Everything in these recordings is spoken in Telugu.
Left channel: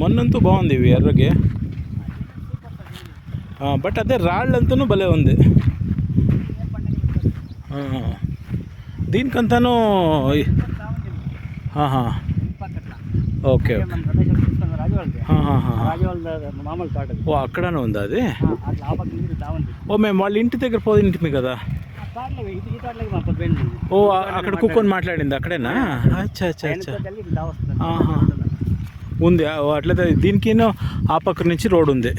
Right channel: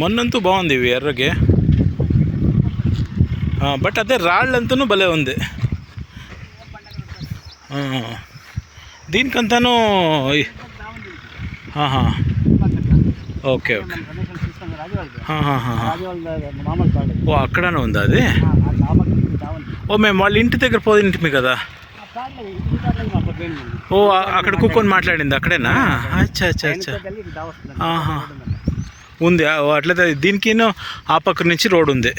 మొన్నంతూ బాగుంది ఇవి ఎర్రకి, బట్ అదే రాళ్ళంతనూ భలే ఉంది. దీనికంతాను ఓకే ఓకే. ఓ అక్కడనే ఉందా అది? ఓ మేము వాళ్ళ ఇంటి దగ్గర పోయింటిమి కదా. ఓ అక్కడ కూర్చొని మాట్లాడింది అక్కడేనా? అచ్చా అచ్చా అచ్చా. ఉంది అట్లయితే దీనికి ఆ పక్క నుంచి రోడ్ ఉంది.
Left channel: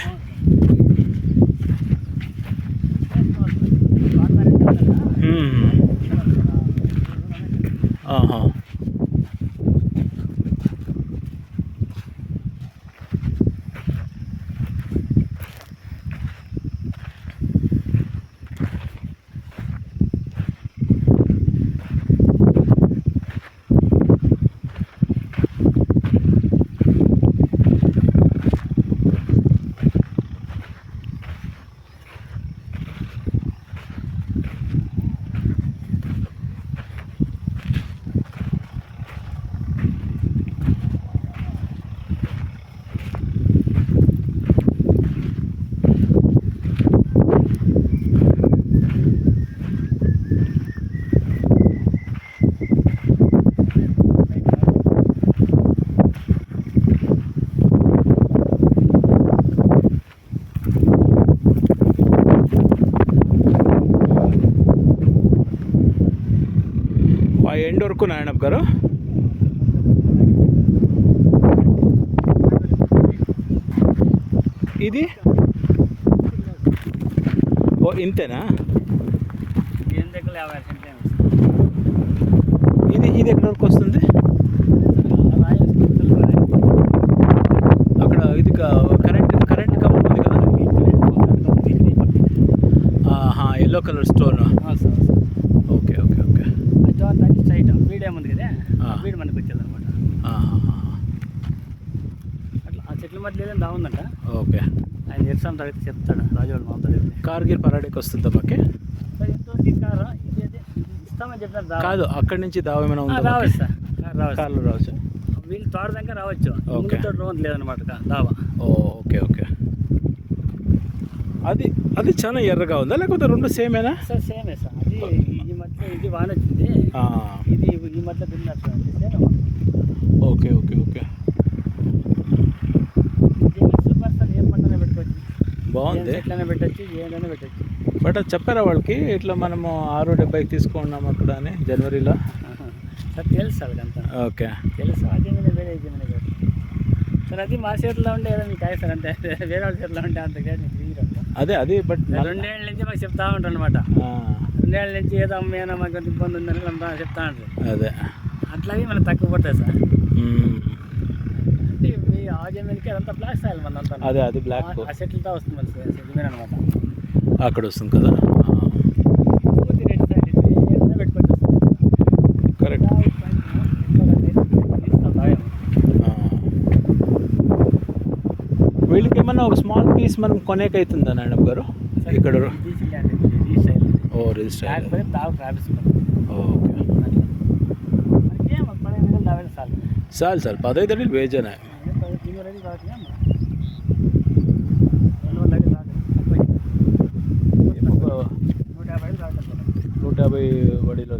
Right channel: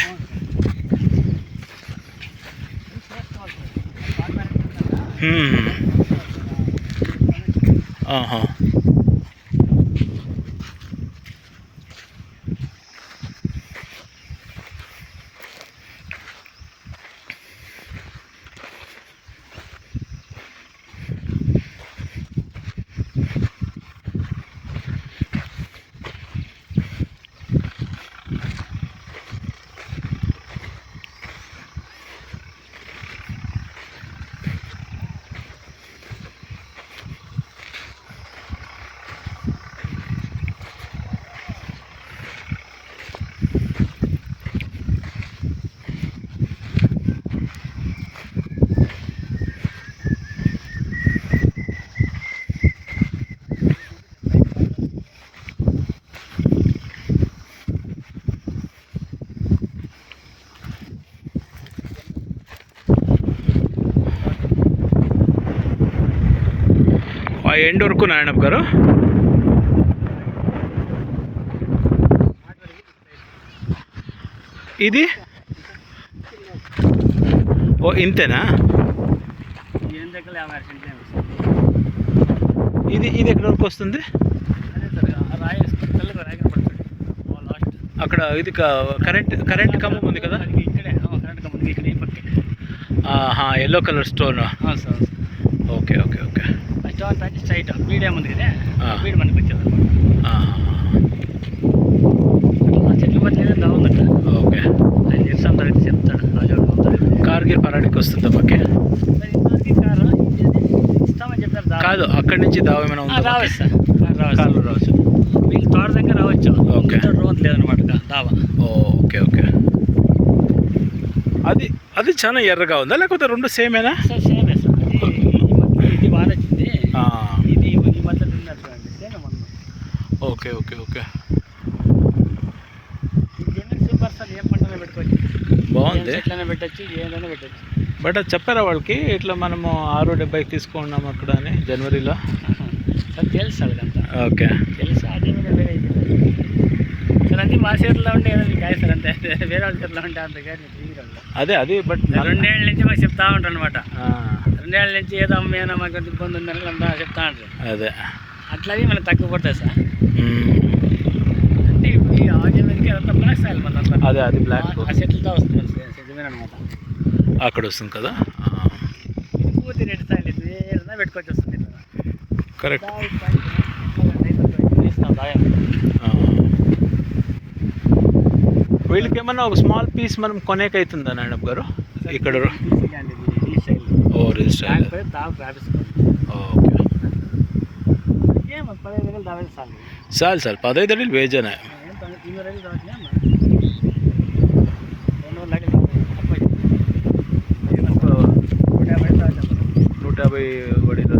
ఆ ఎండ్ వరకు నారాయణప్ప గారు. ఇది ఓ ఇంతేనా? ఇది ఇది ఎక్కడి వరకు వస్తుంది? అక్కడ ఇది కరెంట్ కంబం ఉంది కదా, yellow colour stone. Okay okay okay. Stone అంటే స్ట్రైట్ మీడియం ఉంది కదా, వీడు మనకి వచ్చేది చెట్ల మధ్య ఉందట. ఓకే, ఆయన నిరసన తగ్గితే చెప్తాడు. కార్గిల్ పరాడికి వస్తుంది మాకే ఇస్తామని చెప్పారు. కాదు అక్కడి నుంచి దావ ఏమైనా ఉందా? రావచ్చు సార్, కార్లు రావచ్చు. వీళ్ళు తోట దగ్గర రావచ్చు. ఓకే, రోడ్ లేదనమాట దావా. Okay okay. అది అది చాలా ఎర్రగా ఉందా లేకపోతే రెండు సేమేనా? సార్ సేమే సార్. ఇది బాగా నచ్చింది. ఇది ఈ మధ్య తిన్నట్టు same. Okay okay okay. Super sir, ఏం పంటనే పెట్టుకోవచ్చు, బాగుంది. ఎట్లనే పెట్టచ్చు, ఏదైనా పెట్టచ్చు. బట్ అది చెప్పారా వాళ్ళకి ఇట్లా మనము 670 తీసుకున్నాం అక్కడ అని జనవరిలో? సార్ తెలుసు అదంతా. ఓకే తెలుసు. అదే వేరే సార్, అది మా చేతిలో ఉండే కాదు సార్, అంతే. వేరే వాళ్ళ చేతిలో ఉంటే అంతగాని అదే అది. బట్ 2 ఏళ్ళ నుంచి మాకు చెప్తా ఉంటారు అనమాట. 2 ఏళ్ళ నుంచి ఏదో అమ్మేనా మాకు ఎంత ఇబ్బంది ఉందని అంతా చెప్తా ఉంటారు. అదే అట్లాగే మనకి తక్కువ పడుతుంది సార్. అంటే ఈ ఆజమీన్కి అదంతా బ్లాక్ సాయిల్ మన అంతా. అదే అది బ్లాక్ ఆ సెటిల్తో వస్తుంది సెటిల్మెంట్ అనమాట. అక్కడ వస్తుంది కదా. పూర్తి రెడ్ సాయిల్ ఏదైనా పెట్టుకోవచ్చు వస్తుంది. కరెక్ట్. వీళ్ళకి ఏమన్నా ఒక స్మాల్ పీస్ మనం కొనేకైతుందా నారాయణప్ప గారు ఇక్కడ? ఓ రిజిస్టర్. ఓకే చాలు సార్, 15 అడుగులు వేజానే. 150 వడిలో